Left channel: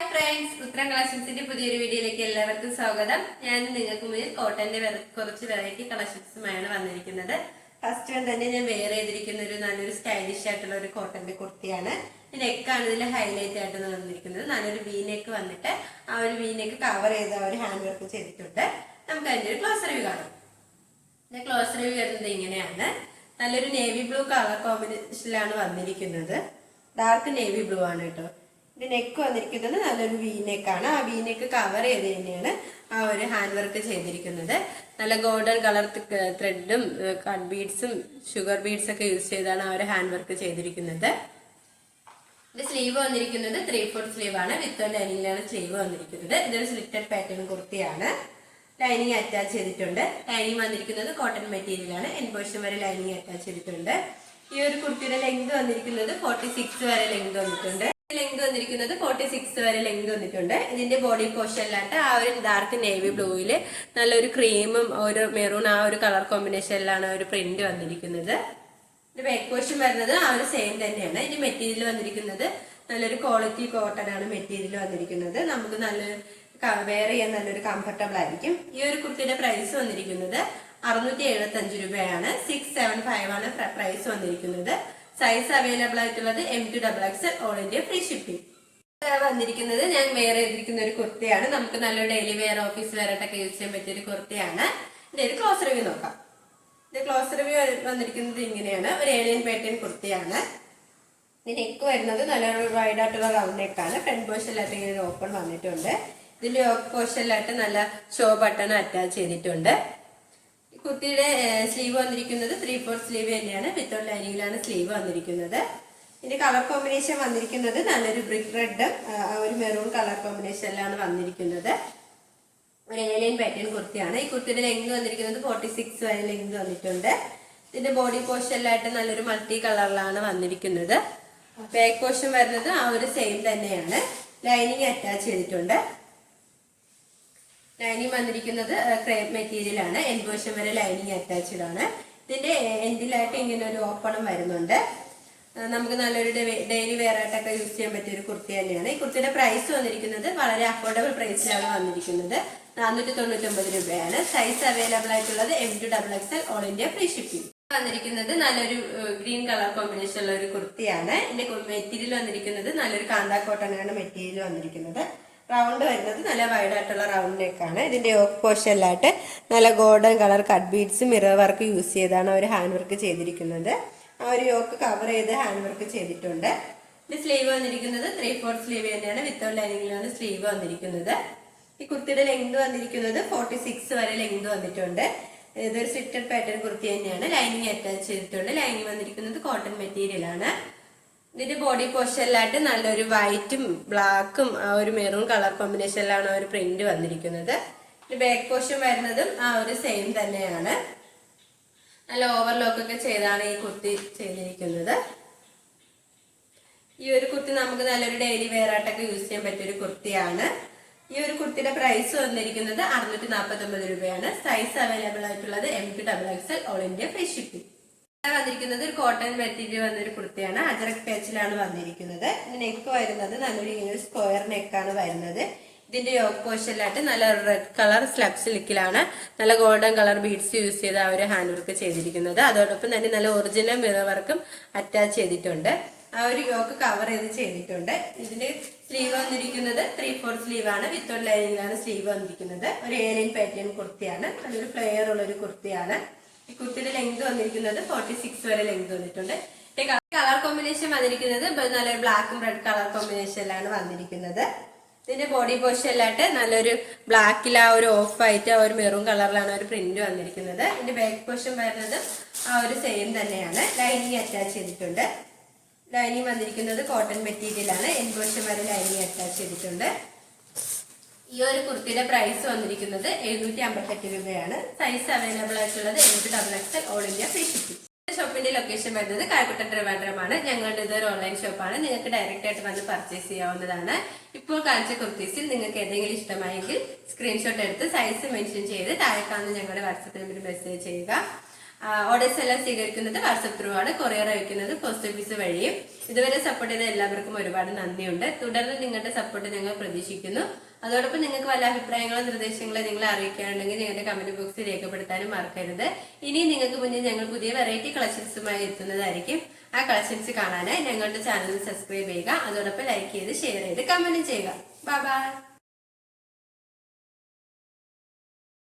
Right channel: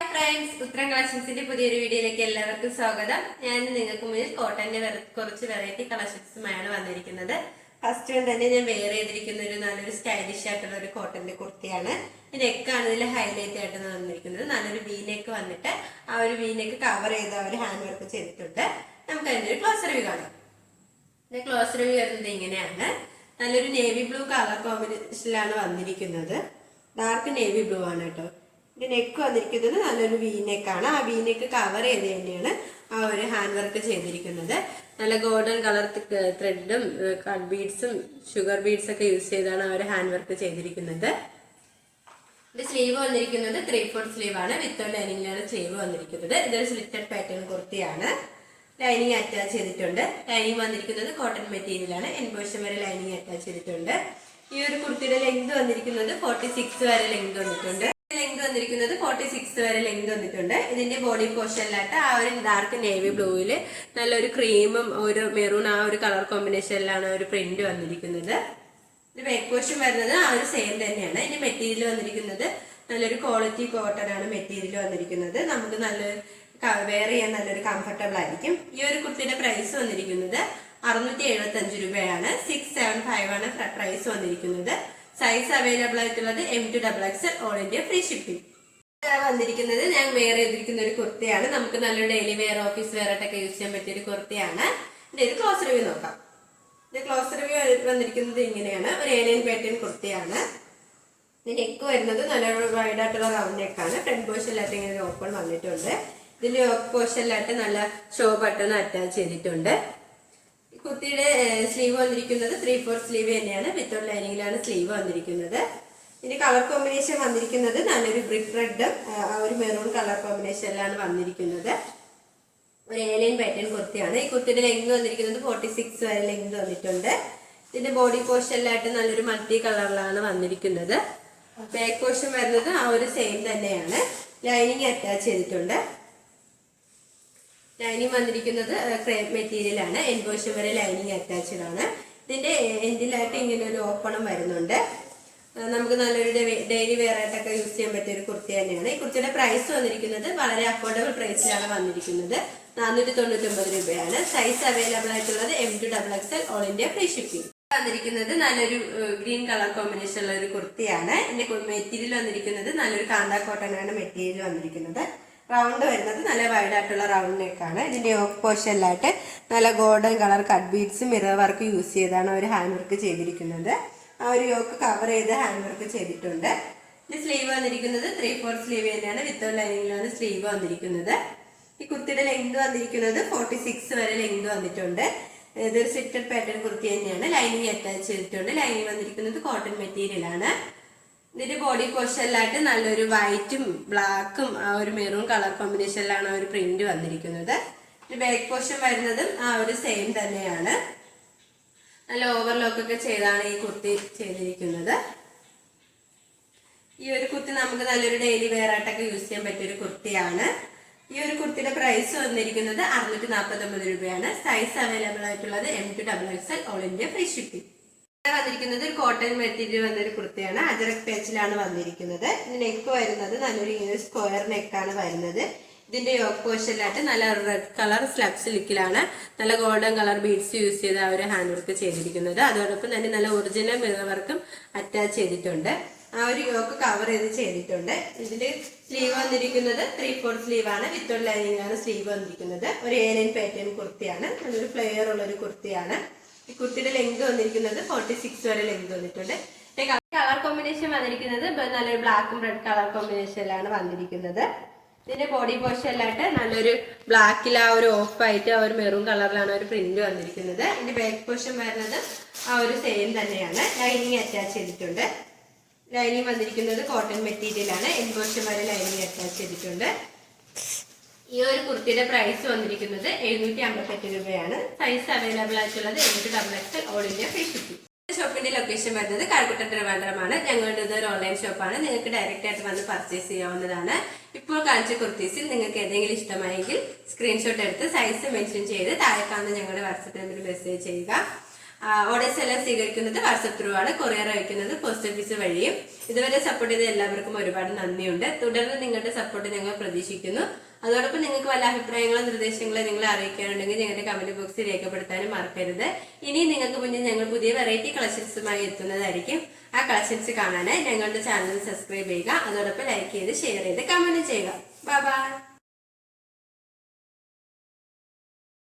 Friends ഉത്തരം കളക്ഷൻസിന്റെ പുതിയൊരു വീഡിയോയിലേക്ക് എല്ലാവർക്കും സ്വാഗതം. ഞാൻ നിങ്ങൾക്ക് മുന്നിൽ കോട്ടന്റെ കുറച്ച് വെറൈറ്റി കളക്ഷൻസുമായാണ് വന്നിരിക്കുന്നത്. ഫസ്റ്റ് തന്നെ ഞാൻ വെയർ ചെയ്തിരിക്കുന്ന ഒരു നല്ലൊരു സ്റ്റൈലിഷ് ആയിട്ടുള്ള ഒരു കോട്ടന്റെ കുർത്തിയാണ്. നെക്കാണ് ഇതിൽ ഹൈലൈറ്റ് ആയിട്ട് വന്നിരിക്കുന്നത്. നല്ലൊരു വി നെക്ക് വന്നിട്ട് ആ ഒരു വി നെക്ക് കവർ ചെയ്ത് ആ ഒരു ഹാൻഡ് വർക്ക് ചെയ്തിട്ടുണ്ട്. നമുക്ക് അതിന്റെ ഒരു ക്ലോസ് റിവ്യൂ കാണാം. ക്ലോസ് റിവ്യൂ വരുന്നത് ഇങ്ങനെയാണ്. നല്ലൊരു നേവി ബ്ലൂ കളർ കോമ്പിനേഷനിലാണ് വന്നിരിക്കുന്നത്. ഡാർക്ക് നേവി ബ്ലൂ ആണ് കേട്ടോ. ഇത് നെക്ക് വന്നിരിക്കുന്നത് നല്ലൊരു വി നെക്കാണ് ആ വി നെക്ക് കവർ ചെയ്ത് തന്നെയാണ് ആ ഒരു ഹാൻഡ് വർക്ക് ചെയ്തിരിക്കുന്നത്. നല്ല ഗോൾഡൻ കളർ ത്രെഡും കട്ട് ബീഡ്സും ഷുഗർ ബീഡ്സ് ഒക്കെ യൂസ് ചെയ്താണ് ആ ഒരു ഹാൻഡ് വർക്ക് ചെയ്തിരിക്കുന്നത്. ഇത് സ്ലീവ് വന്നിരിക്കുന്നത് ത്രീ ഫോർത്ത് സ്ലീവ് ആണ്. വിത്ത് ലൈനിങ്ങിലാണ് സ്ലീവ് വന്നിരിക്കുന്നത്. ഇതൊരു സ്ലിറ്റഡ് പാറ്റേൺ കുർത്തിയാണ്. ലൈനിങ് അറ്റാച്ച് ചെയ്തിട്ടുണ്ട്. ലൈനിങ് വന്നിരിക്കുന്നത് കോട്ടൺ മെറ്റീരിയലാണ് എൻപോഷൻ വരെ ലൈനിങ് അറ്റാച്ച് ചെയ്തിട്ടുണ്ട്. ഈ ഒരു കുർത്തിയുടെ ലെങ്ത് വന്നിരിക്കുന്നത് ഫോർട്ടി സിക്സ് വരെ ലെങ്ത് വന്നിട്ടുണ്ട്. വന്നിരിക്കുന്നത് ഫോർട്ടി സിക്സ് വരെ ലെങ്ത് വന്നിട്ടുണ്ട്. ഇതിന്റെ ബോഡി പോർഷനിലായിട്ട് ആ ഒരു ഡാർക്ക് നേവി ബ്ലൂവിൽ നല്ലൊരു ക്രീമും ഒരു മെറൂൺ ആ ഒരു കളർ കോമ്പിനേഷനിലാണ് ഒരു പ്രിന്റ് വന്നിരിക്കുന്നത്. ബാക്ക് പോർഷൻ വരുന്നത് ആ ഒരു സെയിം തന്നെയാണ്. ഇനി മെറ്റീരിയൽ വന്നിരിക്കുന്നത് നല്ലൊരു ക്വാളിറ്റി കോട്ടൺ ആണ് മെറ്റീരിയൽ വന്നിരിക്കുന്നത്. നമുക്ക് നല്ല വെയർ ചെയ്യാൻ നല്ലൊരു കംഫർട്ടബിൾ ആയിരിക്കും. ഈ ഒരു കുർത്തിയുടെ പ്രൈസ് വന്നിരിക്കുന്നത് അറുന്നൂറ്റി എഴുപത്തി അഞ്ച് രൂപയാണ്. സിക്സ് സെവൻ ഫൈവ് ആണ് പ്രൈസ് വന്നിരിക്കുന്നത്. സൈസ് അവൈലബിൾ ആയിട്ടുള്ളത് M to double X all India free shipping വന്നിരിക്കുന്നത് ഞാൻ വെയർ ചെയ്തിരിക്കുന്ന ഒരു കുർത്തിയാണ്. നമുക്ക് നല്ല ഡെയിലി വെയർ ഓഫീസ് വെയർ ആയിട്ടൊക്കെ യൂസ് ചെയ്യാൻ പറ്റിയ ഒരു കുർത്തിയാണ്. ഇതിന്റെ ഒരു ക്ലോസ് റിവ്യൂ നോക്കാം. ഇത് ക്ലോസ് റിവ്യൂ വന്നിരിക്കുന്നത് ഇങ്ങനെയാണ്. ഒരു ഏലിയൻ പേറ്റേൺ കുർത്തിയാണ്. നെക്ക് വരുന്നത് നല്ലൊരു വൈഡ് ആയിട്ടുള്ള റൗണ്ട് നെക്കാണ് ഫ്രണ്ട് പോർഷനിലായിട്ട് ഇങ്ങനെ ഒരു ഓപ്പൺ വന്നിട്ടുണ്ട്. ഇതിന്റെ പോർഷനിലായിട്ട് നല്ല ഷോ ബട്ടൺ അറ്റാച്ച് ചെയ്തിട്ടുണ്ട്. കുർത്തിയുടെ സ്ലീവ് വന്നിരിക്കുന്നത് ത്രീ ഫോർ സ്ലീവ് തന്നെയാണ്. വിത്തൗട്ട് ലൈനിങ്ങിലാണ് സ്ലീവ് വന്നിരിക്കുന്നത്. ഇതിന്റെ കളർ കോമ്പിനേഷൻ വന്നിരിക്കുന്നത് നല്ലൊരു ബ്രിക്ക് റെഡ് ആ ഒരു മെറൂൺ കളർ കോമ്പിനേഷനിലാണ് വന്നിരിക്കുന്നത്. ഒരു ഏലിയൻ പാറ്റേൺ കുർത്തിയാണ്. ഈ കുർത്തിയുടെ ലെങ്ത് വന്നിരിക്കുന്നത് ഫോർട്ടി സിക്സ് വരെ ലെങ്ത് വന്നിട്ടുണ്ട്. ഇതിന്റെ ബോഡി പോർഷനിലായിട്ട് നല്ലൊരു മൾട്ടി കളറിലാണ് വന്നിരിക്കുന്നത്. ബാക്ക് പോർഷൻ വരുന്നത് ആ ഒരു സെയിം തന്നെയാണ്. ലൈനിങ് അറ്റാച്ച് ചെയ്തിട്ടുണ്ട്. ലൈനിങ് വന്നിരിക്കുന്നത് ക്രേപ്പ് മെറ്റീരിയൽ ആണ്. എൻഗോഷം വരെ ലൈനിങ് അറ്റാച്ച്ഡ് ആണ്. ഇതിന്റെ എൻഡിലായിട്ട് ഇങ്ങനെ ഒരു ഓപ്പണും വരുന്നുണ്ട്. നമുക്ക് നല്ലൊരു ഡെയിലി വെയർ ആയിട്ടൊക്കെ യൂസ് ചെയ്യാൻ പറ്റിയ ഒരു കുർത്തി തന്നെയാണ്. ഈ കുർത്തിയുടെ പ്രൈസ് വന്നിരിക്കുന്നത് വളരെ അഫോർഡബിൾ പ്രൈസിലാണ് വന്നിരിക്കുന്നത്. നാനൂറ്റി തൊണ്ണൂറ്റി രൂപയാണ്. സൈസ് അവൈലബിൾ ആയിട്ടുള്ളത് M to double X L all India free shipping വന്നിരിക്കുന്നത് നല്ലൊരു ഗ്രീൻ കളർ കോമ്പിനേഷൻ ഉള്ള ഒരു കുർത്തിയാണ്. ഇതിന്റെ മെറ്റീരിയൽ വന്നിരിക്കുന്നത് നല്ലൊരു കാന്താ കോട്ടൺ ആണ് മെറ്റീരിയൽ വന്നിരിക്കുന്നത്. റൗണ്ട് വരുന്നത് നല്ല വൈഡ് ആയിട്ടുള്ള റൗണ്ട് നെക്കാണ് ഇതിന്റെ ഓഫ് പോർഷനിലായിട്ട് നല്ല golden colour cut beads mirror work use ചെയ്താണ് അവർ ഹാൻഡ് വർക്ക് ചെയ്തിരിക്കുന്നത്. ആ ഒരു യോക്ക് കവർ ചെയ്ത് ഹാൻഡ് വർക്ക് ചെയ്തിട്ടുണ്ട്. ഇത് സ്ലീവ് വന്നിരിക്കുന്നത് ത്രീ ഫോർ സ്ലീവ് തന്നെയാണ്. വിത്തൗട്ട് ലൈനിങ്ങിലാണ് സ്ലീവ് വന്നിരിക്കുന്നത്. ഈ കുർത്തിയുടെ ലെങ്ത് വന്നിരിക്കുന്നത് ഫോർട്ടി സിക്സ് വരെ ലെങ്ത് വന്നിട്ടുണ്ട്. ഇതൊരു സിറ്റഡ് പാറ്റേൺ കുർത്തി തന്നെയാണ്. ലൈനിങ് അറ്റാച്ച് ചെയ്തിട്ടുണ്ട്. ലൈനിങ് വന്നിരിക്കുന്നത് കോട്ടൺ മെറ്റീരിയൽ ആണ്. ഇതിന്റെ ബോഡി പോർഷനിലായിട്ട് നല്ലൊരു വൈറ്റും ബ്ലാക്കും ആ ഒരു മെറൂൺ കളർ കോമ്പിനേഷനിലാണ് ഒരു പ്രിന്റ് വന്നിരിക്കുന്നത്. ബാക്ക് പോർഷൻ വരുന്നതും ആ ഒരു സെയിം തന്നെയാണ്. നല്ല ഓവർലോക്ക് ഒക്കെ ചെയ്താണ് ഈ കുർത്തി ചെയ്തിരിക്കുന്നത്. ഈ ഒരു കുർത്തി നമുക്ക് നല്ലൊരു ഡെയിലി വെയർ ആയിട്ടൊക്കെ യൂസ് ചെയ്യാൻ പറ്റിയൊരു കുർത്തിയാണ് ഈ ഒരു കുർത്തിയുടെ പ്രൈസ് വന്നിരിക്കുന്നത് അറുന്നൂറ്റി നാൽപ്പത്തി ഒമ്പത് രൂപയാണ്. സൈസ് അവൈലബിൾ ആയിട്ടുള്ളത് M to double X L all India free shipping വന്നിരിക്കുന്നത് ഒരു കോട്ടൺ മെറ്റീരിയൽ വന്നൊരു കുർത്തിയാണ്. അജറക് പേച്ചിലാണ് വന്നിരിക്കുന്നത്. നെക്ക് വരുന്നത് നല്ലൊരു ഇങ്ങനെ ഒരു സ്ക്വയർ നെക്കാണ് വരുന്നത്. ഇതിന്റെ പോർഷനിലായിട്ട് നല്ല റെഡ് കളർ സ്ലബ് സിൽക്കിലാണ് നല്ല ഗോൾഡൻ കളർ ബീഡ്സ് യൂസ് ചെയ്ത് ആ ഒരു ഹാൻഡ് വർക്ക് ചെയ്തിരിക്കുന്നത്. അതോടൊപ്പം തന്നെ നല്ല ഒറിജിനൽ മിറർ വർക്കും അറ്റാച്ച് ചെയ്തിട്ടുണ്ട്. ആ ഒരു യോക്ക് കവർ ചെയ്ത് ചെയ്തിട്ടുണ്ട്. ഇതിന്റെ സ്ലീവ് വന്നിരിക്കുന്നത് ത്രീ ഫോർ സ്ലീവ് ആണ്. വിത്ത് ലൈനിങ്ങാണ് സ്ലീവ് വന്നിരിക്കുന്നത്. ഒരു ഏലിയൻ പാറ്റേൺ കുർത്തിയാണ്. നല്ലൊരു ഫ്ലെയർ ഉള്ള ഒരു കുർത്തിയാണ്. കുർത്തിയുടെ ലെങ്ത് വന്നിരിക്കുന്നത് ഫോർട്ടി സിക്സ് വരെ ലെങ്ത് വന്നിട്ടുണ്ട്. കളർ കോമ്പിനേഷൻ വന്നിരിക്കുന്നത് നല്ല ബ്ലാക്കും റെഡ് കളർ കോമ്പിനേഷനിലാണ് വന്നിരിക്കുന്നത്. ഇതിന്റെ ബോഡി പോർഷനിലായിട്ട് നല്ലൊരു ബ്ലാക്കിൽ ആ ഒരു ഓഫ് ആയിട്ട് ഒരു മെറൂൺ കളറിലാണ് ഒരു പ്രിന്റ് വന്നിരിക്കുന്നത്. ഇതിന്റെ ബാക്ക് പോർഷൻ വരുന്നത് ആ ഒരു സെയിം തന്നെയാണ്. ലൈനിങ് അറ്റാച്ച് ചെയ്തിട്ടുണ്ട്. ലൈനിങ് വന്നിരിക്കുന്നത് കോട്ടൺ മെറ്റീരിയൽ ആണ്. എൻ പോർഷൻ വരെ ലൈനിങ് അറ്റാച്ച് ചെയ്തിട്ടുണ്ട്. ഈ ഒരു കുർത്തിയുടെ പ്രൈസ് വന്നിരിക്കുന്നത് എഴുന്നൂറ്റി അമ്പത്തെട്ട് രൂപയാണ്. സൈസ് അവൈലബിൾ ആയിട്ടുള്ളത് എഴുന്നൂറ്റി double X all India free ഷോപ്പിന്റെ ലൊക്കേഷൻ വരുന്നത് കാൽക്കുട്ട ട്രിവാൻഡ്രമാണ് ഞങ്ങളുടെ ഒരു ഓൺലൈൻ ഷോപ്പാണ് നിങ്ങൾക്ക് ഡയറക്റ്റ് ആയിട്ട് വന്ന് പർച്ചേസ് ചെയ്യാവുന്നതാണ്. ഇപ്പോൾ കാണിച്ച കുർത്തീസിൽ നിങ്ങൾക്ക് ഏതെങ്കിലും ഇഷ്ടമായെങ്കിൽ സ്ക്രീൻഷോട്ട് എടുത്ത് സൈസ് മെൻഷൻ ചെയ്ത് താഴെ കാണുന്ന ഞങ്ങളുടെ വാട്സപ്പ് നമ്പറിൽ മെസ്സേജ് ചെയ്യുക. ഓർഡേഴ്സ് എല്ലാം സ്വീകരിക്കുന്നത് വാട്സപ്പ് ത്രൂ ആണ്. കൊറിയർ അയക്കുന്നത് പോസ്റ്റ് ഓഫീസ് വഴിയും. ഇതുവരെ സപ്പോർട്ട് ചെയ്ത എല്ലാവർക്കും ഒരുപാട് നന്ദിയുണ്ട്. തുടർന്ന് നിങ്ങളുടെ സപ്പോർട്ട് ഞങ്ങൾ പ്രതീക്ഷിക്കുന്നു. അതോടൊപ്പം നിങ്ങൾക്ക് വല്ല അഭിപ്രായങ്ങളോ നിർദ്ദേശങ്ങളോ നിങ്ങൾ അറിയിക്കാനുണ്ടെങ്കിൽ ഞങ്ങളുടെ കമന്റ് ബോക്സിൽ രേഖപ്പെടുത്താനും മറക്കരുത്. ഇനി നിങ്ങൾക്ക് മുന്നിൽ ഞങ്ങൾ പുതിയ വെറൈറ്റി കളക്ഷൻസുമായി എത്തുന്നതായിരിക്കും. ആ കളക്ഷൻസ് കാണാനായി ഞങ്ങളുടെ ചാനൽ സബ്സ്ക്രൈബ് ചെയ്യുക. അതോടൊപ്പം ലൈക്ക് ചെയ്ത് ഷെയർ ചെയ്ത് കമന്റ് ചെയ്യുക. Bye bye